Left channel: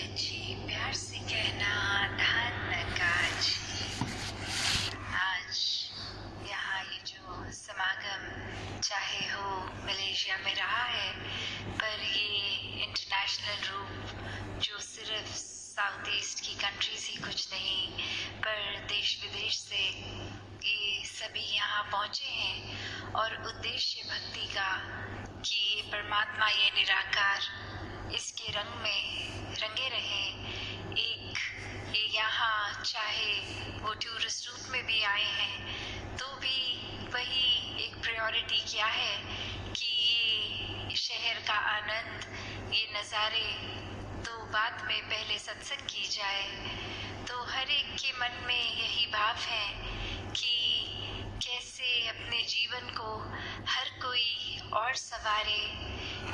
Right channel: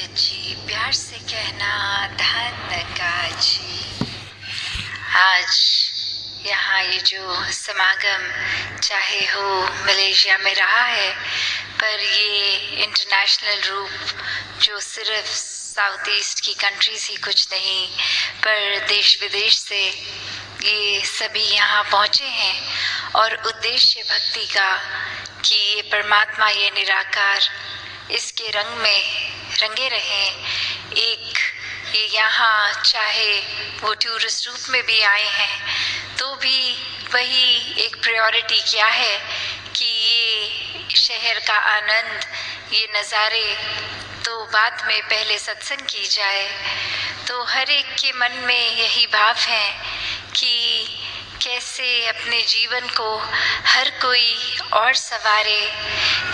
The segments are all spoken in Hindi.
जी प्यार से कहना धन का जी। आज यहाँ ये जो समागम चाहे हो मलेशिया में रहा है, पर ये इंटरनेशनल रूप जो सिर्फ साउथ ईस्ट की कंट्रीज ही कुछ नहीं, पर देश विदेश से ये सभी यहाँ पहुँचे हैं और उद्देश्य भक्ति का कि ये परमात्मा, ये निराकार इसके रंग में रंगे रहें। एक ये यहाँ चाहे वो टूरिस्ट रूप में भी आए हैं तो भी वही एक प्रायोरिटी क्या है कि ये शहर का आनंद, ये नज़ारे तो बाद में पहले सत्संग की जाए। तो हर एक के मन में यही भाव है कि कैसे अपने जीवन को हर कोई और संवारे,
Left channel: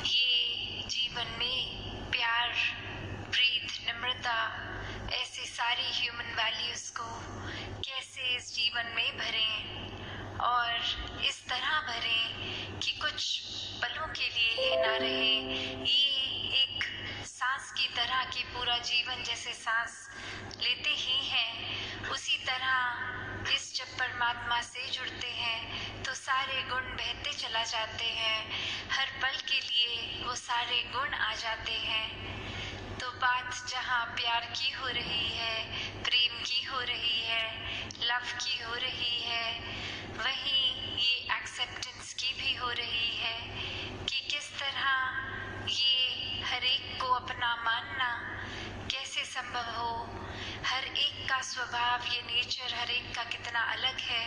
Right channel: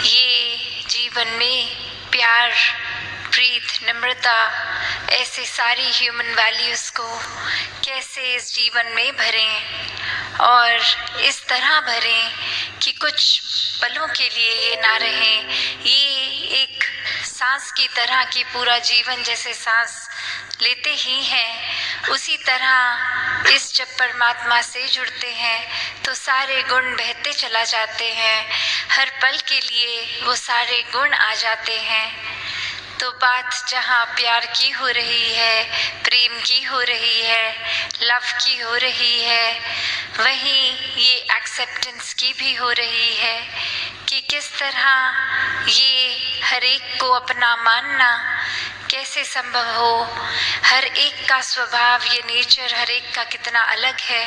ये जीवन में प्यार, प्रीत, नम्रता, ऐसे सारी ह्यूमन वैल्यूज़ को कैसे इस जीवन में भरें और इस तरह भरें कि कुछ पलों के लिए ये ना रहे, ये एक सांस की तरह की पूरा जीवन जैसे सांस लेते ही हैं, उसी तरह इस जब परमात्मा से जुड़ते हैं तो सारे गुण बहते चला जाते हैं, हर पल के लिए वो सारे गुण आ जाते हैं। तो बात जहाँ प्यार की हो रही है, प्रेम की हो रही है, लव की हो रही है, वहीं ये एक्सेप्टेंस की भी हो रही है कि किस तरह ये हर एक को अपना मानना कैसे संभव हो। हर एक का स्वभाव, ये नेचर हर एक का कितना अलग है,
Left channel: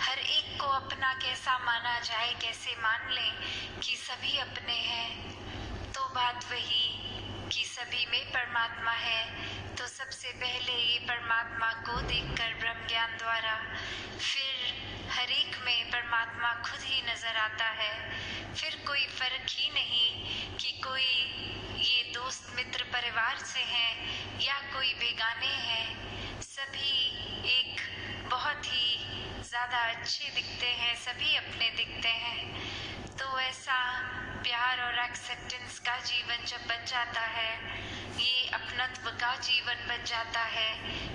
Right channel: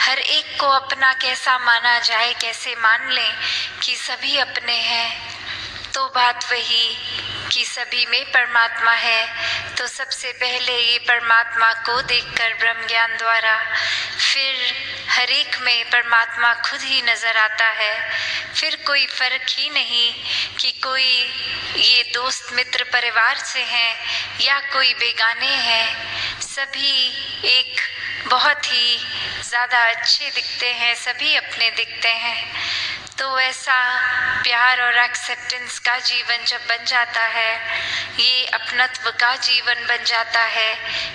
हर एक को अपना कैसा माना जाए, कैसे मान लें कि सभी अपने हैं। तो बात वही कि सभी में परमात्मा है, तो सबसे पहले ये परमात्मा को देखकर ब्रह्म ज्ञान द्वारा फिर हर एक में परमात्मा खुद ही नज़र आता है। फिर कोई फ़र्क ही नहीं कि कोई ये दोस्त मित्र परिवार से हैं या कोई बेगाने हैं, सभी एक बहुत ही ज़्यादा अच्छे दिखते हैं, सभी अपने दिखते हैं। तो ऐसा प्यार और एक्सेप्टेंस का जीवन जब बन जाता है, ये अपनत्व का जीवन बन जाता है,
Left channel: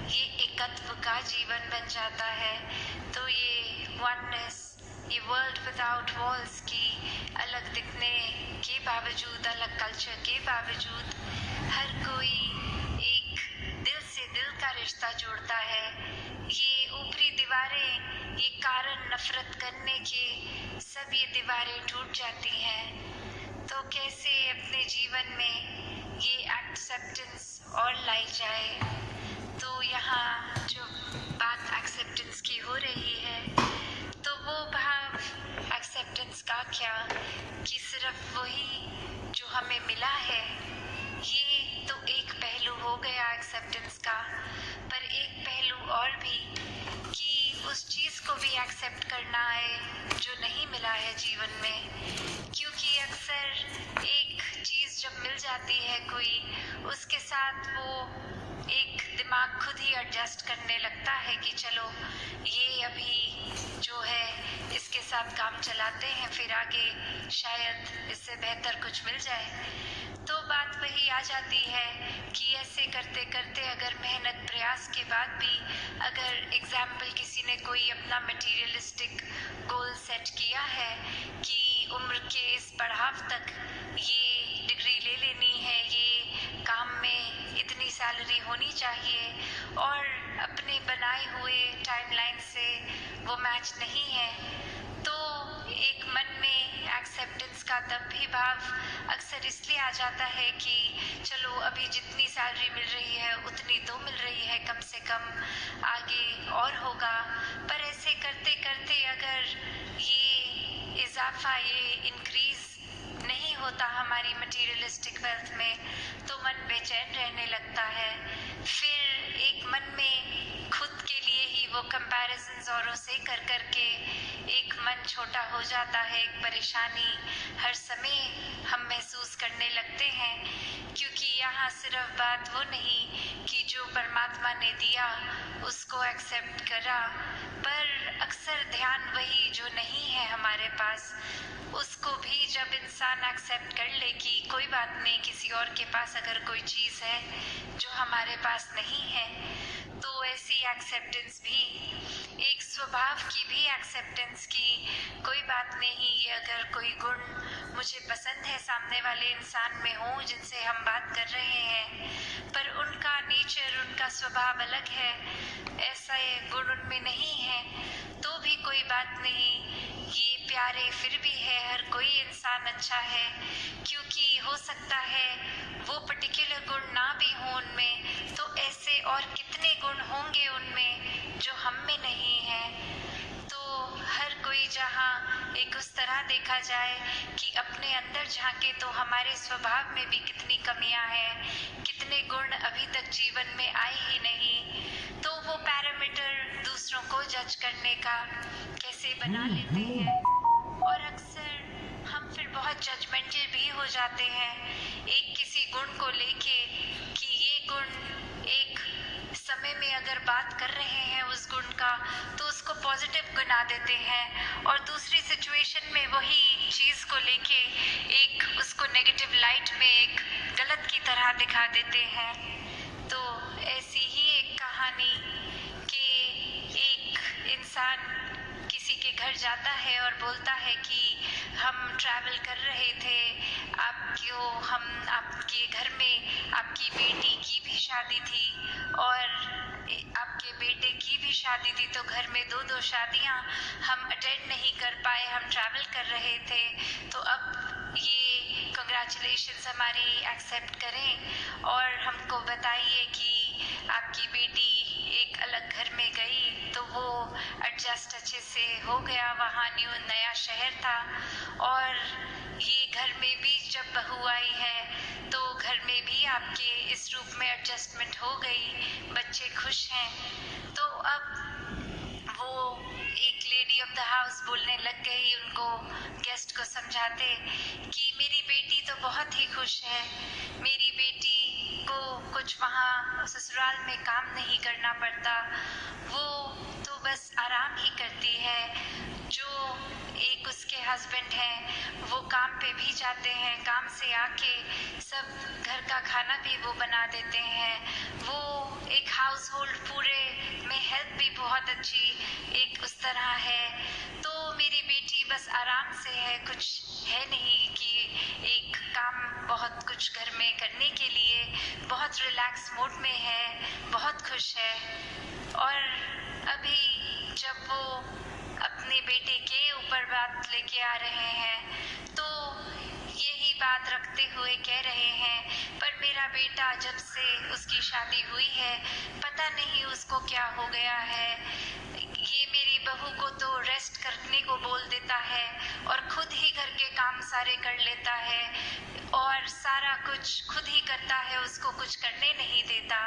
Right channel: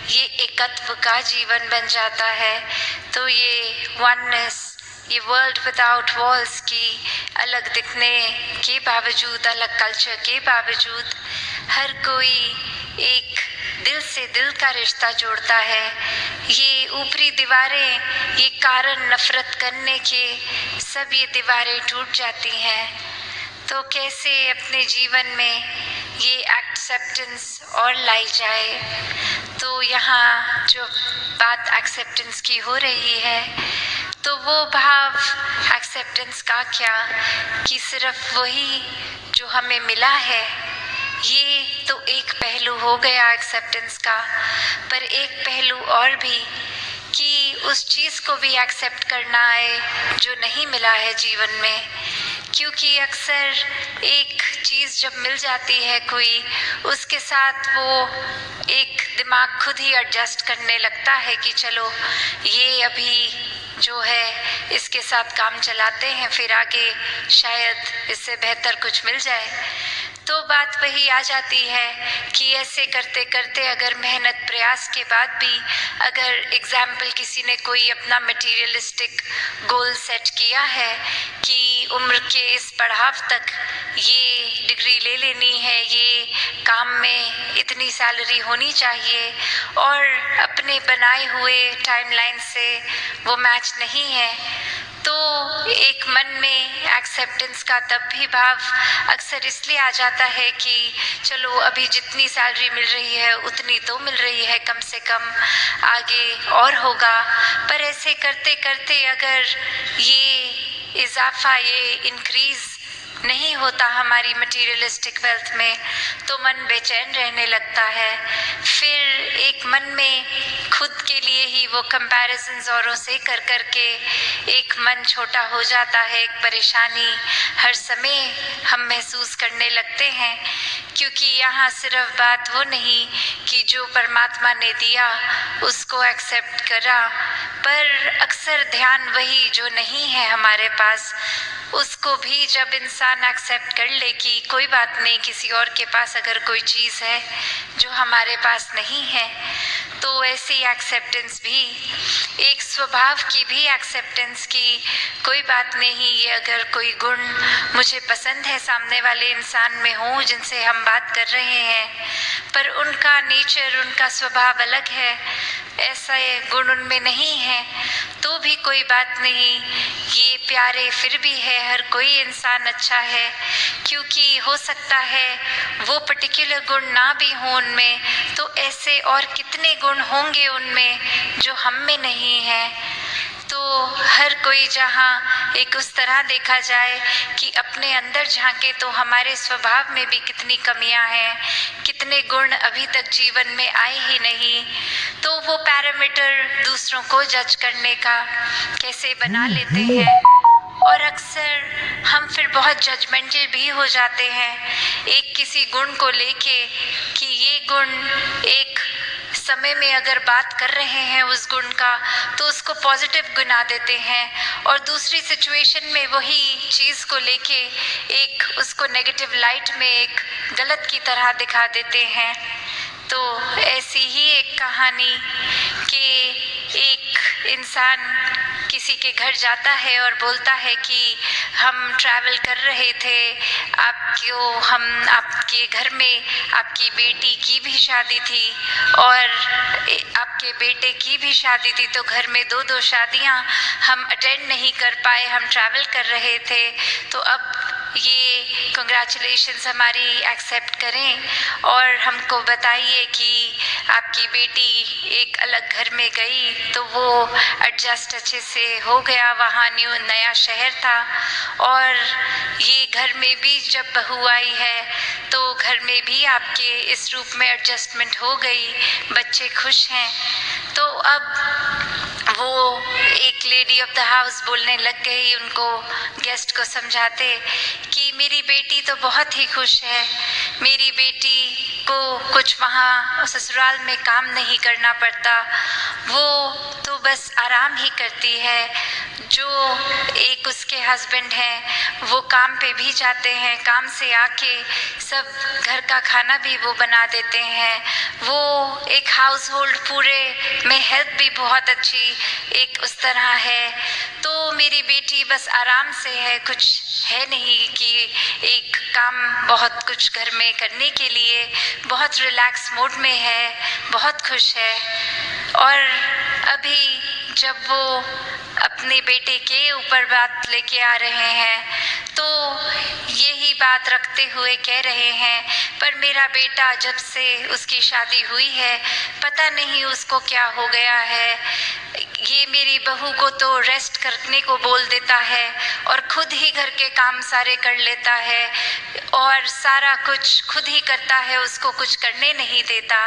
ये एकत्व का जीवन बन जाता है, तो ये वननेस, ये वर्ल्ड विदाउट वॉल्स की अलग दिखने के बावजूद, अलग कल्चर के बावजूद, हर कोई एक दिल से दिल का रिश्ता जोड़ता है। ये ऊपरी दीवारें, ये कारण नफरत करने के, सब ये दीवारें टूट जाती हैं। तो कैसे अपने जीवन में ये एक्सेप्टेंस और लाई जाए। तो यहाँ जो बात एक्सेप्टेंस की हो रही है, तो वो भाव एक्सेप्टेंस का क्या कि सिर्फ वही जो हमें मिला है, ये तो एक पहलू हो गया एक्सेप्टेंस का, पर एक पहलू और भी कि उस चीज़ को भी एक्सेप्ट करना है जो नहीं मिला है जीवन में। क्योंकि अक्सर एक चीज़ जब मिल जाती है कोई, उसके साथ वो एक दिमाग खुद ही एडजस्ट करने लगता है कि चलो ये अभी जो है इसके साथ काम चलाते हैं, फिर आगे शायद इससे बेहतर कुछ मिल जाए। तो बात वही आ जाती है कि ऐसे करते करते अगर मेहनत प्रयास के बाद भी अगर एग्जाम्पल किसी ने कोई अपना मटेरियलिस्टिक गोल सेट किया है कि उम्र के इस पड़ाव तक ये डिग्री ले लेनी है, ये काम में इतनी सैलरी होनी चाहिए, और अपने बनाए हुए टाइमलाइन से वो मैच नहीं है, तो एक मन में एक्सेप्टेंस का तब भी भाव अक्सर इसलिए आ जाता है कि चलो अभी जितनी सैलरी मिल रही है उतनी तो मिल रही है, कम से कम आगे और होगा। पर ऐसे करते करते अगर ये इजाफा, ये इंक्रीज नहीं होता हमारी मटेरियलिस्टिक वेल्थ में, तो मन बेचैन रहने लगता है। फिर एक मन में खुद के लिए ही वो कंपैरिजन्स औरों से कर कर के एक मन छोटा हो जाता है, एक परेशानी हर समय हम महसूस करने लगते हैं। क्योंकि यहाँ सिर्फ बात वो नहीं कि जो परमात्मा ने दिया उसको एक्सेप्ट करा, पर अक्सर ध्यान वही जो नहीं है हमारे पास, उसको भी जब इंसान एक्सेप्ट कर ले कि कोई बात नहीं, किसी और के पास अगर कोई चीज़ है जो हमारे पास नहीं है, तो ऐसी एक्सेप्टेंस भी, एक स्वभाव की भी एक्सेप्टेंस की कोई बात नहीं, ये अगर कोई गुण मुझे पसंद है सामने वाले इंसान में हो जिनसे हम बात कर रहे हैं, पर उनका नेचर, उनका स्वभाव अलग है, ऐसा गुण उनमें नहीं है, तो भी कोई बात नहीं, ये प्यारे फिर भी है, हर कोई इंसान अच्छा है, क्योंकि हो सकता है वो पर्टिकुलर गुण ना भी हो उनमें, तो ऐसे और कितने गुण होंगे उनमें जो हम में नहीं है। तो हर कोई जहाँ एक उस तरह देखा जाए कि अपने अंदर झांके तो हमारे स्वभाव में भी कितनी कमियां हैं, कितने गुण अभी तक जीवन में आए ही नहीं, तो वो पैरामीटर दूसरों को जज करने का कैसे बना लेते हैं, और अक्सर हम फिर बहुत जजमेंटल भी हो जाते हैं एक किसी गुण को लेके कि ये गुण एक समय में अगर बात कर रहे हैं उस गुण का तो उसको पॉजिटिव गिना देते हैं, और दूसरी सिचुएशन में वही चीज़ को लेके एक उसको नेगेटिव लाइट में एक गलत की तरह दिखा देते हैं। तो ऐसी ही एक कहानी कि एक इंसान किसी के घर जाता है और बोलता है कि हम ट्रैवल कर रहे थे, आपके घर में आपकी बेटी की भी शादी थी और आपके बेटे की भी शादी थी, तो घर में दो दो शादियां हम अटेंड नहीं कर पाए, हम ट्रैवल कर रहे थे, तो अब ये कंग्रेचुलेशंस हमारी एक्सेप्ट करें और हमको बताइए कि आपकी बेटी एक अलग घर में गई तो वो एडजस्ट अच्छे से हो गया, वहाँ नया शहर था, और ये घर में भी जब बहू आई है तो घर में भी आपके इस रूप में एडजस्टमेंट हो गई, बच्चे खुश हैं। तो अब वो एक लेडी ऑफ द हाउस बोलने लग गई उनको, गेस्ट को समझाते कि मेरी बेटी तो बहुत ही खुश है, मेरी बेटी को कुछ वहाँ ससुराल में काम नहीं करना पड़ता, वो तो बस आराम ही करती है, जो एक उसके हस्बैंड हैं वो काम पे भी जाते हैं, काम से आके सब घर का खाना भी वो बना देते हैं, वो एक हाउस होल्ड पूरे में हेल्प भी बहुत अच्छी एक उस तरह है, तो मेरी बेटी बस आराम से है, कुछ है नहीं कि एक काम बहुत कुछ घर में करने के लिए, बहुत रिलैक्स मूड में है, बहुत खुश है। और अभी जब वो अपने बेटे के ऊपर बात लेके आ रहे हैं तो यही बात रखते हुए कह रहे हैं, पर मेरा बेटा जब से उसकी शादी हुई है पता नहीं उसको क्या हो गया है, ये मेरी बहू को तो रेस्ट करने को बोल देता है और खुद ही घर के काम सारे कर लेता है और सारा कुछ खुद ही करता है, उसको कुछ करने नहीं देता।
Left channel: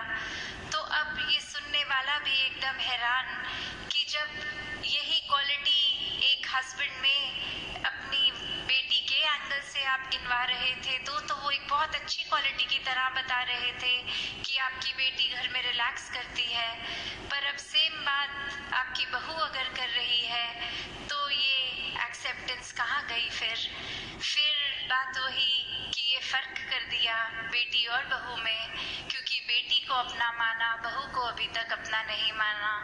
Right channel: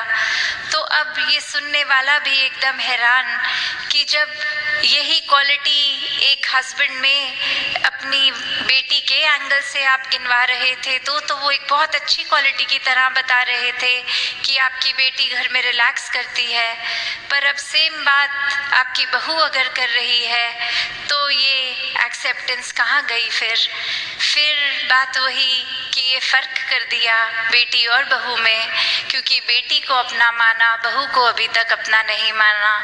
तो अब ये सुनने वाला भी एकदम हैरान कि जब यही क्वालिटी एक हस्बैंड में अपनी बेटी के एंगल से आप गिनवा रहे थे तो वो एक बहुत अच्छी क्वालिटी की तरह बता रहे थे कि आपकी बेटी घर में रिलैक्स करती है, पर अब सेम बात आपकी बहू अगर कर रही है तो ये एक्सेप्टेंस कहाँ गई? फिर बात वही कि ये फ़र्क कर दिया बेटी और बहू में, क्योंकि बेटी को अपना माना, बहू को अभी तक अपना नहीं माना।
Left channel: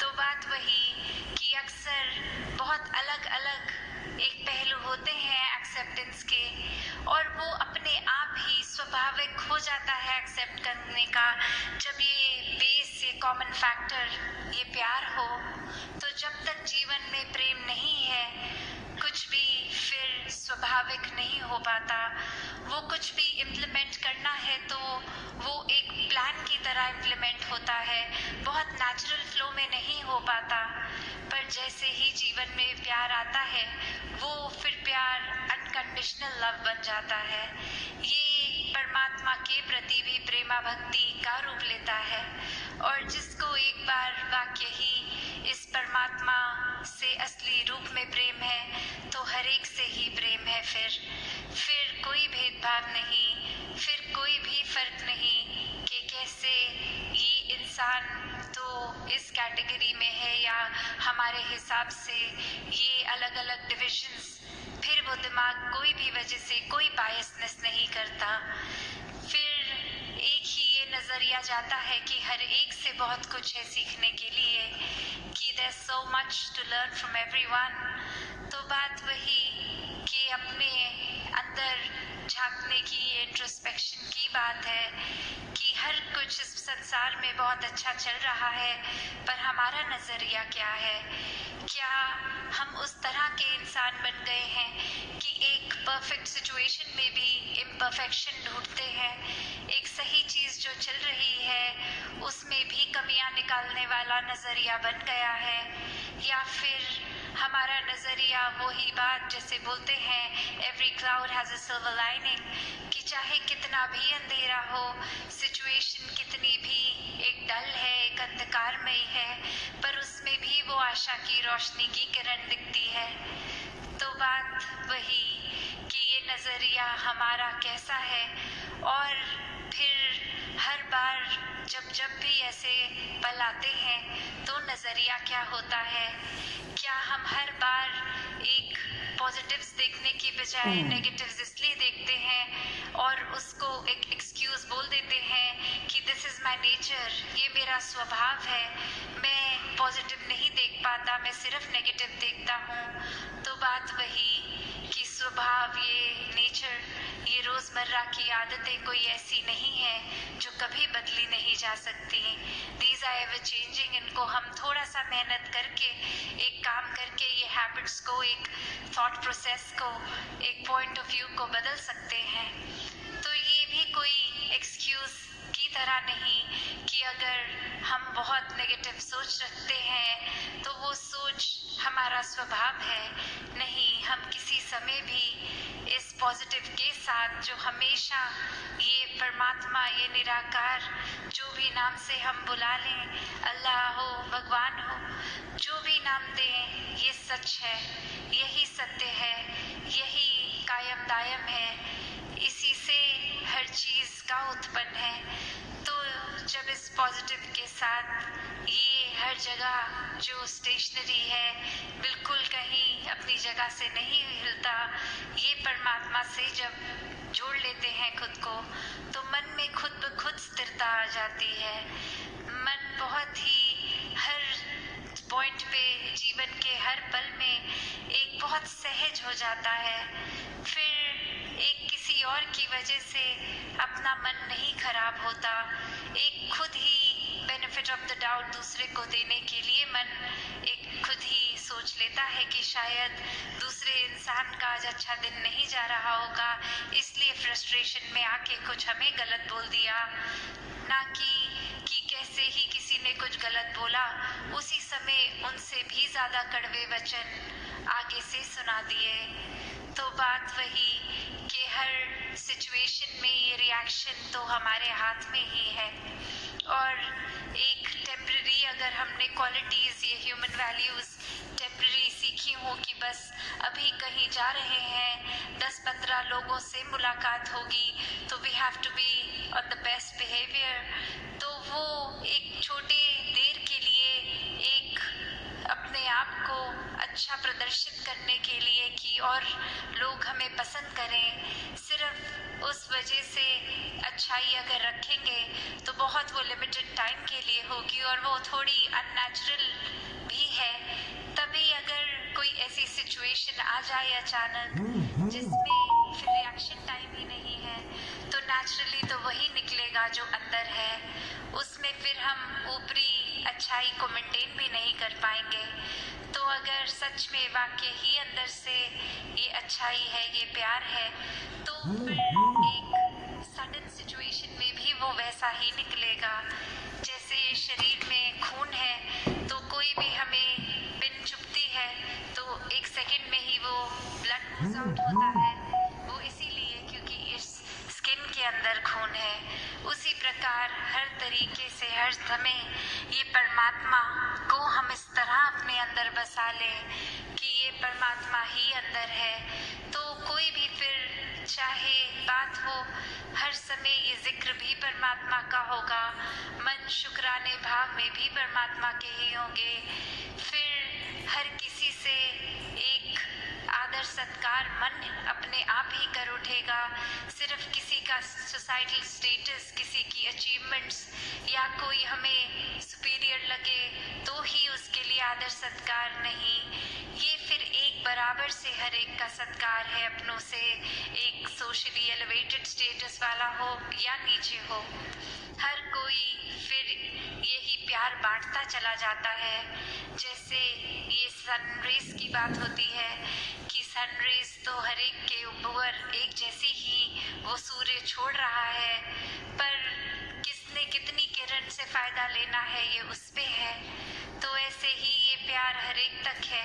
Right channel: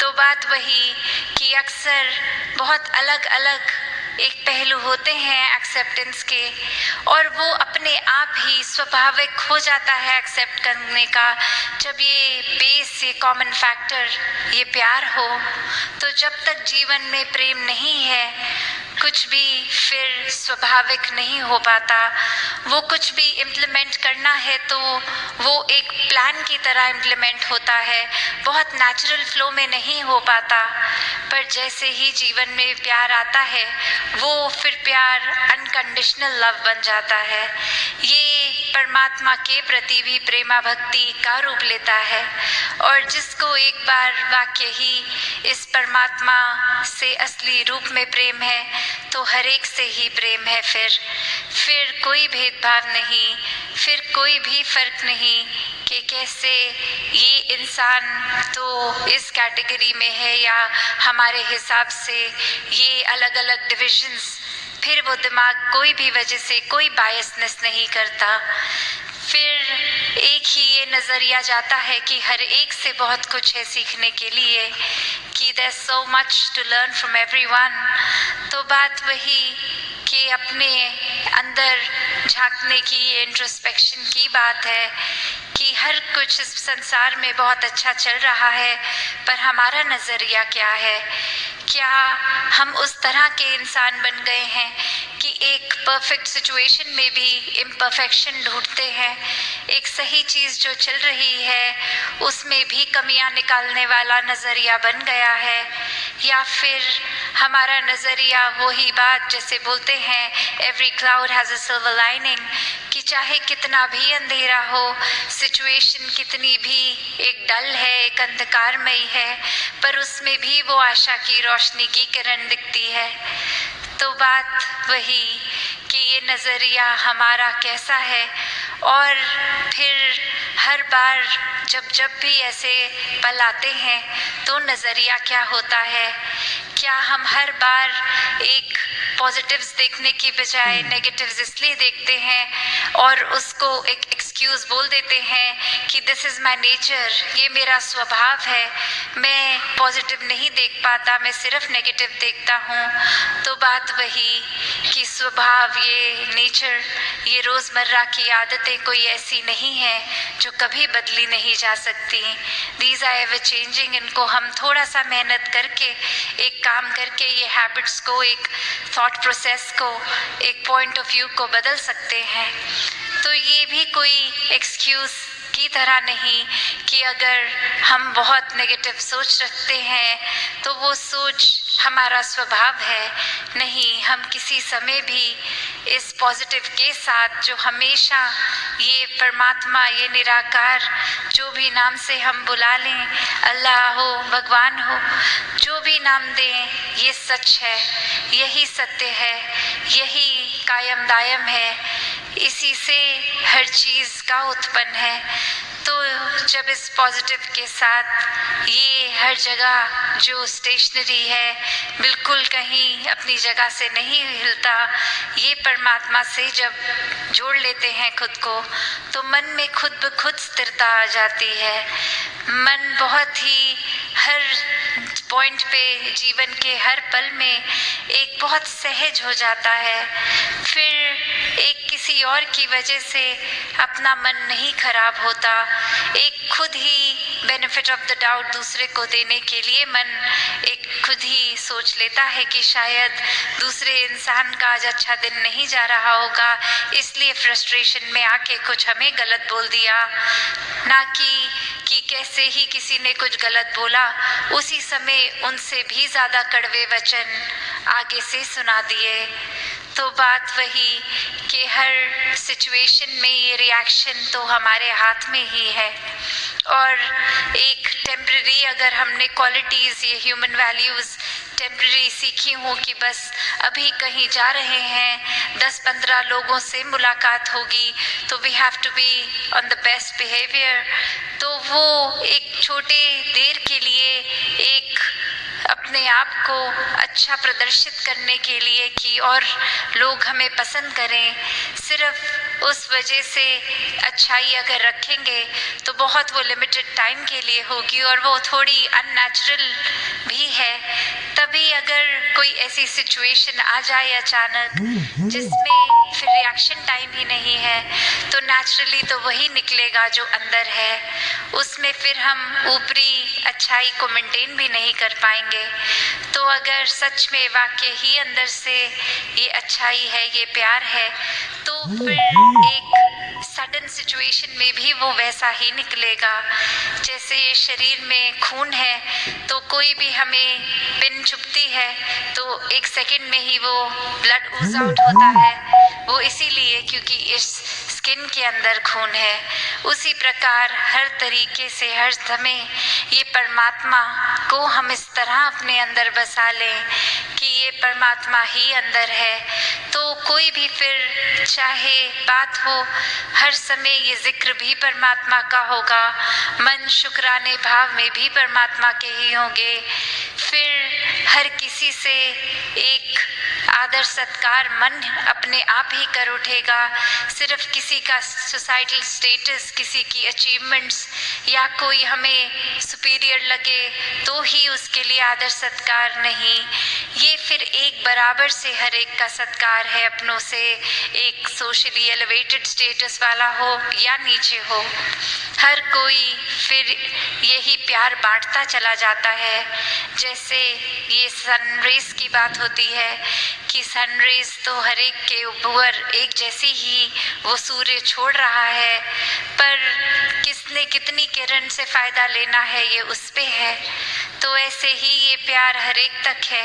तो बात वही कि अक्सर बहुत अलग अलग एक पहलू होते हैं एक्सेप्टेंस के, और वो अपने आप ही स्वाभाविक हो जाता है एक्सेप्ट करने का जब ये बेस, ये कॉमन फैक्टर, ये प्यार हो। तो जब तक जीवन में प्रेम नहीं है कुछ भी फिर स्वाभाविक नहीं हो पाता। वो कुछ भी इम्प्लीमेंट करना है तो वो एक प्लान की तरह इम्प्लीमेंट होता है, बहुत नेचुरल फ्लो में नहीं हो पाता। पर जैसे ही जीवन में प्यार आता है वो फिर प्यार अनकंडीशनल लव बन जाता है। ये परमात्मा के प्रति भी प्रेमा भक्ति का रूप लेता है, और जिसको एक बार वाक्य ही इस परमात्मा से असली रूप में प्रेम है तो हर एक से ही प्रेम है। फिर कोई भेदभाव नहीं, फिर कोई भी फर्क नहीं कि कैसे ये इंसान तो इस कैटेगरी में है या हमारे हिसाब से ये अलग अलग डिविजन्स फिर वो दिमाग कोई भी वजह से कोई बायसनेस नहीं करता। फिर एक ही ये नज़रिया जाता है कि हर एक से बहुत कुछ है सीखने के लिए, कि there's so much to learn from everyone। तो बात वही कि अपने अंदर झांकने की, ये इंट्रोस्पेक्शन की बात है कि हर कुछ इस संसार में बहुत अच्छा चल रहा है, पर हमारा नज़रिया क्या है? क्या हम उस तरह के इंसान बन गए हैं कि एक परफेक्ट सिचुएशन में भी इम्परफेक्शन ढूंढते हैं, एक सही चीज़ जो चल रही है उसमें भी कमियां निकालने वाला नज़रिया बन गया है? या फिर हमारा नज़रिया वही बात जैसे बोलते हैं every cloud has a silver lining, कि चाहे कितना भी अंधेरा हो, सिचुएशन कितनी भी एक डल है, एक अंधकारमयी है, पर उसमें भी वो आशा की रोशनी की किरण दिखती है। तो बात वही कि ये नज़रिया हमारा कैसा है, और फिर हर बार जब भी ऐसे पल आते हैं तो नज़रिया क्या होता है? क्या हम हर बार एक पॉजिटिव्स देखने की बजाय नेगेटिव्स इसलिए देखते हैं और उसको एक एक्सक्यूज़ बोल देते हैं कि दिस इज़ माय नेचर, ये मेरा स्वभाव है, मैं पॉजिटिव नहीं देख पाता, मैं सिर्फ नेगेटिव देखता हूँ। तो बात वही कि स्वभाव, ये नेचर, ये रोज़मर्रा की आदतें कोई ऐसी नहीं है जो कभी बदली नहीं जा सकती। These are ever changing. इनको हम थोड़ा सा मेहनत करके, एक काम करके, ये हैबिट्स को, एक थॉट प्रोसेस को, एक पॉइंट ऑफ व्यू को बदल सकते हैं। तो ये भी कोई एक्सक्यूज़ की तरह नहीं कि अगर हम बहुत नेगेटिव सोच रखते हैं तो वो सोच हमारा स्वभाव है। नहीं, हम किसी समय भी इस पॉजिटिव के साथ, जो हमेशा ये परमात्मा, ये निराकार, जो भी नाम से हम बुला लें, अल्लाह हो, भगवान हो, जो भी नाम दें, ये सच है, यही सत्य है, यही कायम दायम है, इसी से हर चीज़ का उत्पन्न है। तो जब इस पॉजिटिव के साथ ये हर जगह जो स्टेशनरी है, बिल्कुल कहीं अपनी जगह से नहीं हिलता, ये परमात्मा से जब जोड़ लेते हैं खुद को, तो मन में खुद ब खुद स्थिरता आ जाती है। मन बहुत ही हर पॉइंट पे, जीवन के हर पल में एक बहुत सहज हो जाता है। फिर एक किसी और की वजह से अपना मन नहीं खराब होता, एक खुद ही बेनिफिट ऑफ द डाउट दूसरे को देने के लिए मन एक खुद ही सोच लेता है कि शायद दूसरे इंसान का आज अच्छा दिन नहीं जा रहा होगा, इसलिए फ्रस्ट्रेशन में आके कुछ हमें गलत बोल दिया। ना कि कैसे ही किसी ने कुछ गलत बोला, उसी समय उनसे भी ज़्यादा कड़वे वचन आगे से सुना दिए। तो बात वही कि हर सिचुएशन में ये रिएक्शन तो हमारे हाथ में ही है। और एक टेम्पररी, अगर हमने क्वालिटीज़, ये ह्यूमन वैल्यूज़ टेम्पररी सीखी हूँ कि बस अभी कहीं जा रहे हैं, 10-15 लोगों से मुलाकात होगी, तो we have to be on the best behaviour, तो वो एक छोटे देर के लिए एक अपने आप को अच्छा प्रदर्शित करने के लिए कि और लोग हमें पसंद करें, सिर्फ उस वजह से अच्छाई अगर रखेंगे तो बहुत वो लिमिटेड टाइम के लिए होगी और वो थोड़ी अननेचुरल भी है। तभी अगर कोई ऐसी सिचुएशन आ जाए अचानक जिसमें फिर रिएक्शन टाइम ही नहीं है, तो नेचुरली तो वही निकलेगा जो अंदर है, उसमें फिर हम ऊपरी अच्छाई को मेंटेन भी नहीं कर पाएंगे। तो अगर सच में वाकई ही अंदर से ये अच्छाई है, ये प्यार है, तो फिर एक सडन सिचुएशन में भी वो वैसा ही निकलेगा। जैसे शरीर में खून है तो कोई भी हमें पिन चुभती है तो एक सेकंड में ही वो ब्लड ooze आउट होता है, वो इसीलिए क्योंकि इस स्किन के अंदर खून है। उसी प्रकार हर तरीके से हर समय ये परमात्मा को हम इस तरह अपने अंदर बसा लें कि ये परमात्मा ही अंदर है, तो कोई भी फिर चाहे बात हो, हर समय ये जिक्र भी परमात्मा का होगा, मन शुक्राने भाव में भी परमात्मा के ही होंगे। फिर हर किसी से एक आदर सत्कार मन अपने आप ही कर उठेगा। सिर्फ किसी का सोसाइटल स्टेटस, किसी की अचीवमेंट्स या कोई हमें सुपीरियर लगे तो ही उसके लिए आदर सत्कार नहीं, ये फिर एक बराबर से हर एक का सत्कार है। अपनों से एक सोशली एलिवेटेड स्टेटस वाला हो या नीचे हो, हर कोई फिर यही प्यार बांटता चला जाता है। जैसे ये सनरेज की बात होती है कि सनरेज तो हर एक के ऊपर एक जैसी ही वो सूर्य छोड़ रहा है, पर किसने कितनी किरण से फायदा लेना है ये उस पे है। तो ऐसे ही ये प्यार हर एक तक है।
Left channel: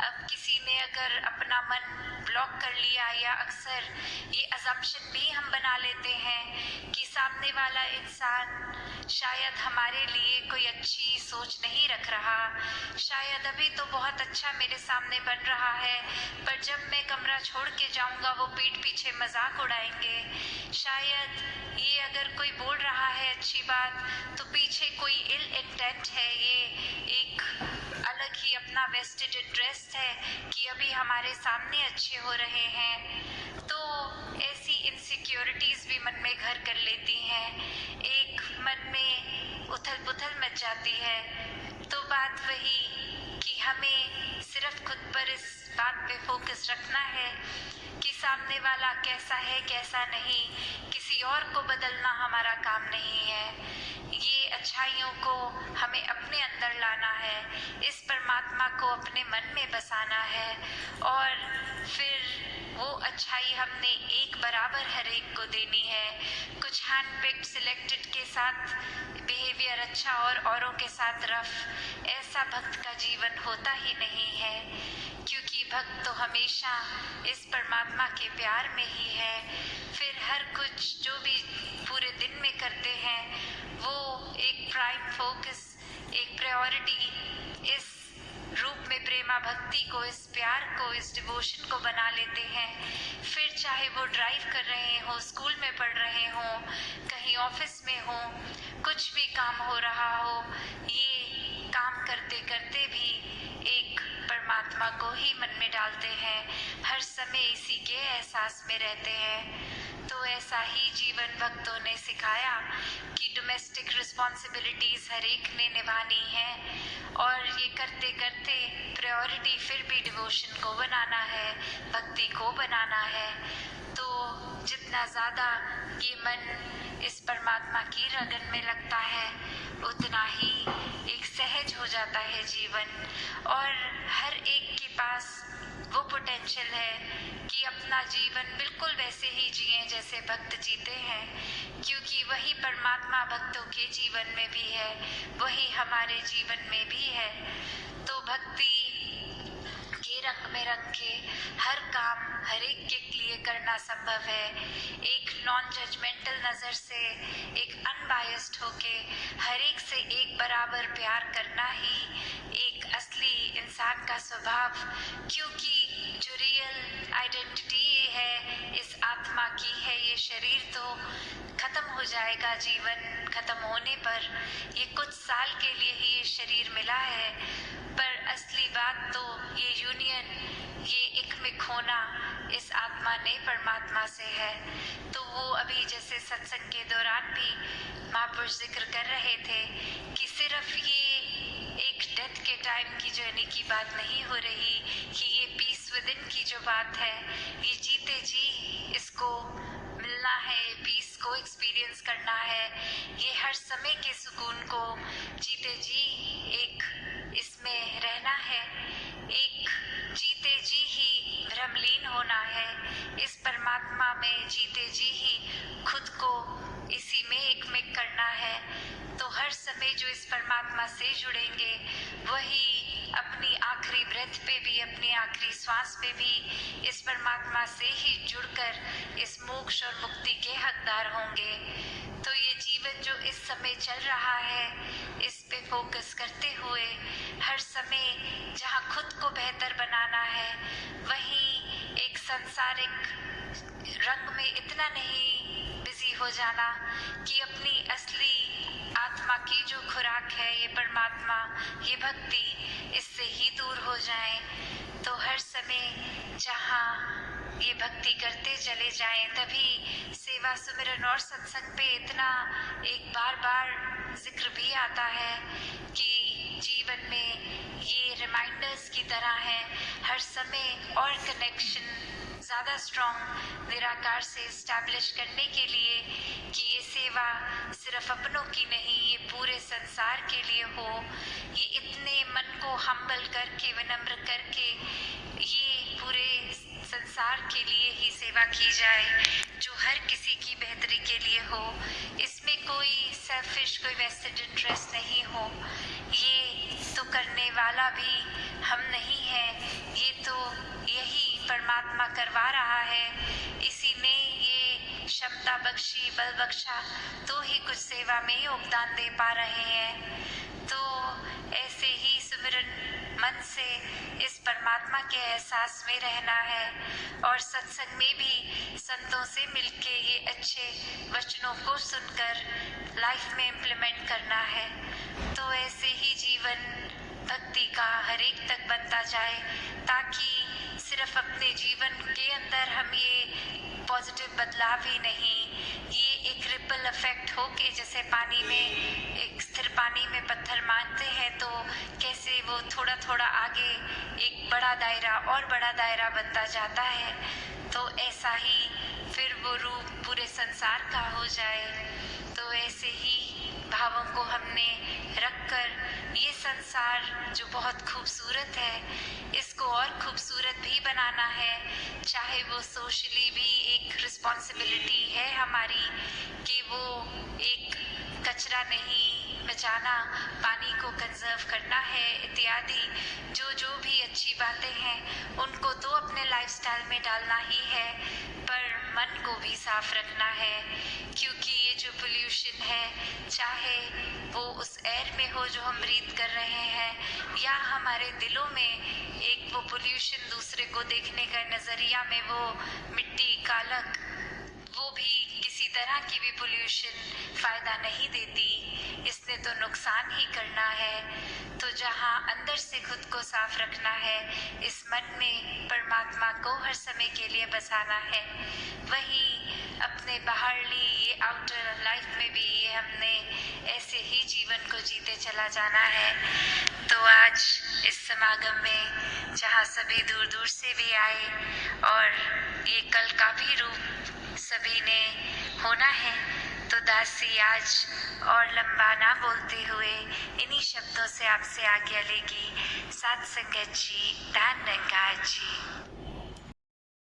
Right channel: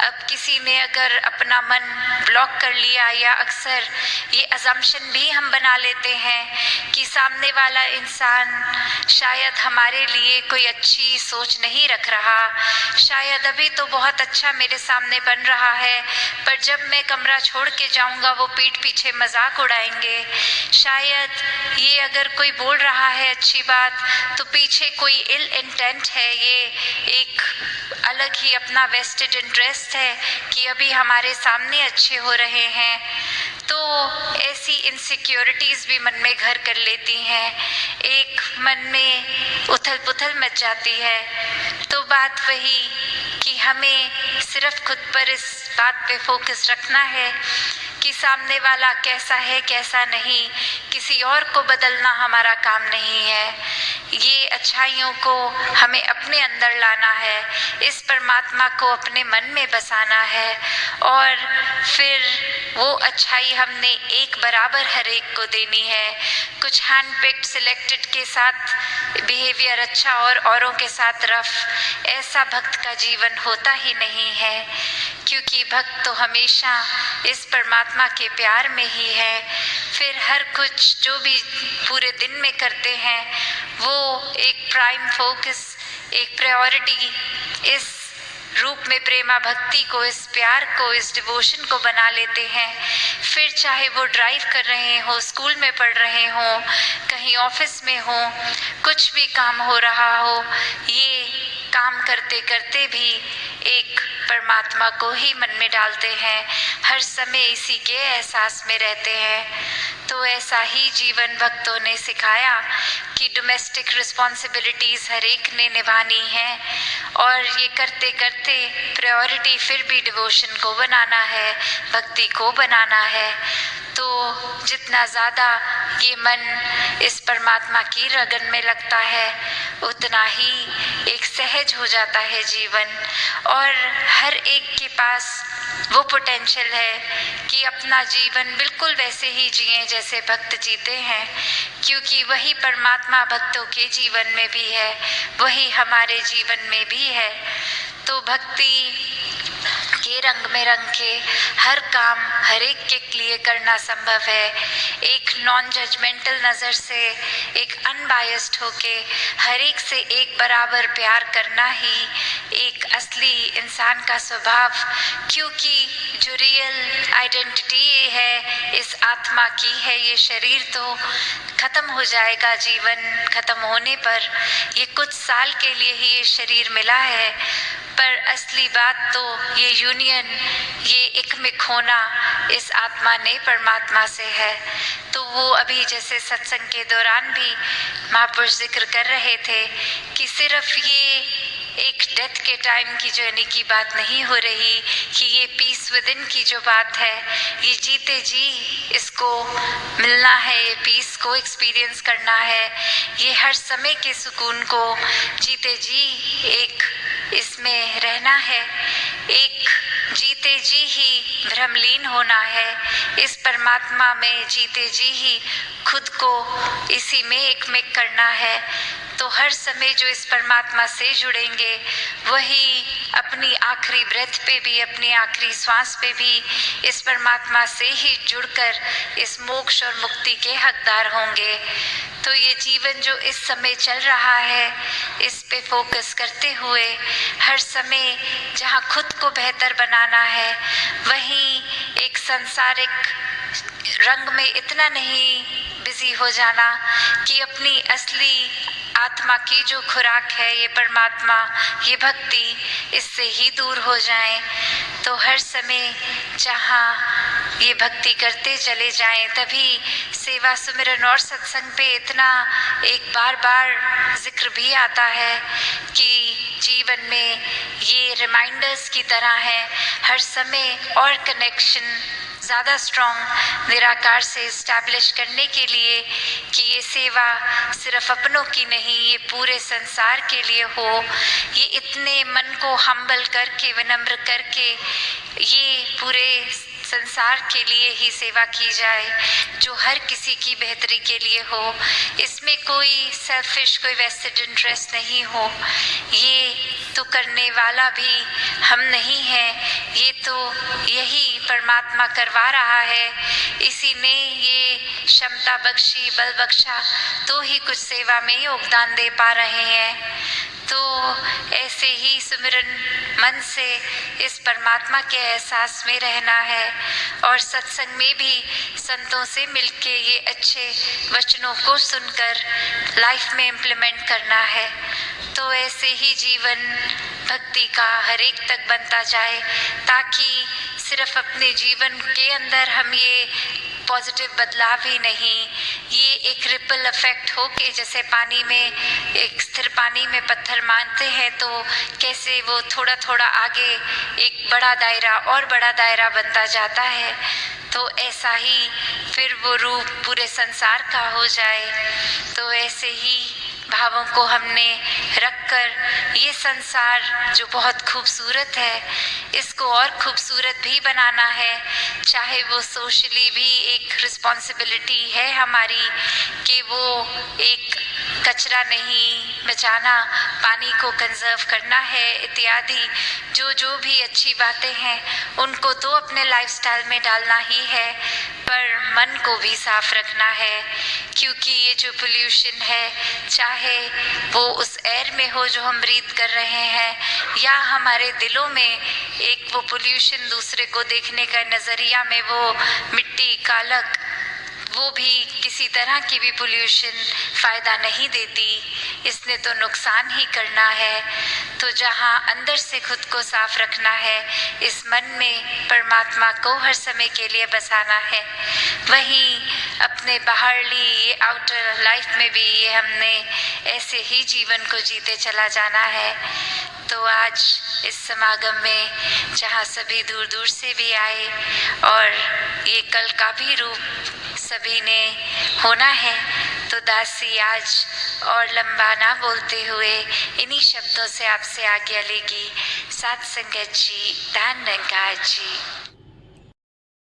अब किसी ने अगर अपना मन ब्लॉक कर लिया, या अक्सर ये अजम्पशन भी हम बना लेते हैं कि सामने वाला इंसान शायद हमारे लिए कोई अच्छी सोच नहीं रख रहा, शायद अभी तो बहुत अच्छा मेरे सामने बन रहा है, पर जब मैं कमरा छोड़ के जाऊंगा वो पीठ पीछे मजाक उड़ाएंगे। शायद ये अगर कोई बोल रहा है अच्छी बात तो पीछे कोई इल इंटेंट है, ये एक अलग ही अपना वेस्टेड इंटरेस्ट है कि अभी हमारे सामने अच्छे हो रहे हैं। तो ऐसी इनसिक्योरिटीज़ भी मन में घर कर लेती हैं, एक मन में उथल पुथल मच जाती है। तो बात वही कि हमें सिर्फ खुद पर इस बात पे फोकस रखना है कि सामने वाला कैसा है कैसा नहीं, किसी और को बदलना हमारा काम नहीं है। ये अच्छाइयों को हमें अपने अंदर लाना है, इस परमात्मा को अपने मन में बसाना है, और फिर वो अच्छाई हमने एक बराबर हर एक को देनी है। कुछ हैंड पिक्ड सिलेक्टेड के साथ बिहेवियर अच्छा और औरों के साथ रफ, ऐसा भक्त का जीवन होता ही नहीं है, क्योंकि भक्त तो हमेशा इस परमात्मा के प्यार में ही है। फिर हर कुछ जो भी पूरे दिन में करते हैं वो एक प्राइम फोकस, एक प्रायोरिटी इस रूप में प्रेमा भक्ति को, इस प्यार को, इस डिवोशन को बना लेते हैं। फिर चाहे वो ड्राइव कर रहे हो, स्कूल में पढ़ रहे हो, कहीं ऑफिस में हो, कुछ भी काम हो रहा हो, ये काम करते करते भी एक परमात्मा को ही मन में डालते हैं, हर समय इसी के एहसास में रहते हैं। तो ऐसा ही जीवन भक्तों ने सिखाया कि डोमेस्टिक रिस्पॉन्सिबिलिटीज़ हर एक ने निभानी है, और ये करते करते प्रायोरिटी फिर भी डिवोशन को बनाना है, भक्ति को बनाना है। तो जितना ज़्यादा ये मन इस परमात्मा की रगन में लगता है उतना ही एक सहज हो जाता है जीवन, और हर एक के पास वो पोटेंशियल है कि अपना जीवन बिल्कुल वैसे ही जिए जैसे भक्त जीते हैं, क्योंकि वही परमात्मा भक्तों के जीवन में भी है, वही हमारे जीवन में भी है। तो भक्ति के रंग में रंग के हर काम हर एक के लिए करना संभव है। एक नॉन जजमेंटल नज़र से, एक अनबायस्ड होके हर एक से एक बराबर प्यार करना ही एक असली इंसान का स्वभाव, क्योंकि जो रियल आइडेंटिटी है इस आत्मा की है, ये शरीर तो ख़त्म हो जाएगा, जीवन ख़त्म होने पर ये कुछ साल के लिए ही ये शरीर मिला है, पर असली बात तो ये यूनियन, ये एकमिक होना इस आत्मा ने परमात्मा से है। तो वो अभी जैसे सत्संग के दौरान भी महापुरुष जिक्र कर रहे थे कि सिर्फ ये एक डेथ के टाइम की जर्नी की बात नहीं हो रही, कि ये पीस विद इन की जो बात है, ये जीते जी इसको मिलना है, ये पीस को एक्सपीरियंस करना है, ये हर समय के सुकून को जीते जी एक इसमें रहना है, एक जीते जी ही भ्रमलीन होना है, इस परमात्मा में जीते जी ही खुद को इसी में एकमिक करना है। तो हर समय जो इस परमात्मा से जुड़ेंगे वही अपनी आखिरी ब्रेथ पे भी, अपनी आखिरी सांस पे भी इस परमात्मा से ही जुड़कर इस मोक्ष और मुक्ति के हकदार होंगे। तो ये जीवन जो इस समय चल रहा है इस पे फोकस करते हुए हर समय जहाँ खुद को बेहतर बनाना है, वहीं एक सांसारिक रंग में इतना नहीं बिजी हो जाना कि अपनी असली आत्मा की जो खुराक है ये परमात्मा, ये भक्ति, इससे ही दूर हो जाएं। तो हर समय जहाँ ये भक्ति करते चले जाएं, तभी सेवा सुमिरन और सत्संग पे इतना एक बार बार जिक्र भी आता है कि जीवन में ये रिमाइंडर्स की तरह है हर समय और कनेक्शन ज़्यादा स्ट्रॉन्ग निराकार से इस्टेब्लिश करने के लिए कि ये सेवा सिर्फ अपनों की नहीं, ये पूरे संसार के लिए हो। ये इतने मन को हम्बल करके, विनम्र करके ये पूरे संसार के लिए ही सेवा की जाए जो हर किसी की बेहतरी के लिए हो। इसमें कोई सेल्फिश, कोई वेस्टेड इंटरेस्ट नहीं हो। ये तो करने वाला भी हम नहीं हैं, ये तो यही परमात्मा करवा रहा है। इसी ने ये क्षमता बख्शी, बल बख्शा, तो ही कुछ सेवा में योगदान दे पा रहे हैं। तो ऐसे ही सुमिरन मन से इस परमात्मा के एहसास में रहना है और सत्संग में भी संतों से मिलके ये अच्छे वचनों को सुनकर लाइफ में इम्प्लीमेंट करना है। तो ऐसे ही जीवन भक्ति का हर एक तक बनता जाए, ताकि सिर्फ अपने जीवन के अंदर हम ये पॉजिटिव बदलाव ही नहीं, ये एक रिपल इफेक्ट हो के जैसे पानी में, एक स्थिर पानी में पत्थर मारते हैं तो कैसे वो थोड़ा थोड़ा आगे एक बड़ा दायरा और बड़ा दायरा बनता जाता है, तो ऐसा ही फिर वो रूप पूरे संसार का हो जाए। तो ऐसे ही भावों को हमने रखकर ये संसार जो बहुत खूबसूरत है, इसको और खूबसूरत भी बनाना है। चाहे वो सोशली भी एक रिस्पॉन्सिबिलिटी है हमारी कि वो एक कचरा नहीं बचाना, पानी को कंजर्व करना है इत्यादि। जो भी अच्छी बातें हैं उनको तो अपने लाइफस्टाइल में डालना ही है, पर मन को भी साफ रखना है, क्योंकि ये जो पोल्यूशन है, चाहे वो उस एयर में हो जो हम ब्रीथ कर रहे हैं, या हमारे दिलों में एक वो पोल्यूशन दूसरे को देखने का नज़रिया में वो मिट्टी, कालक, वो भी किसी तरह की भी पोल्यूशन फ़ायदा नहीं देती, इसने तो नुकसान ही करना है। तो जहाँ अंदर से खुद को साफ रखना है, इस मन में परमात्मा को हर समय के लिए बसाना है, वहीं अपने बाहरली ये आउटर लाइफ में भी ये हमने ऐसे ही जीवन को जीते चला जाना है। तो आज इस समागम में जहाँ सभी दूर दूर से भी आए और ये कल का भी रूप सभी ने होना है, तो दासी आज और लंबा ना बोलते हुए इन्हीं शब्दों से आपसे आज्ञा लेगी। साथ संगत जी, धन्यवाद जी।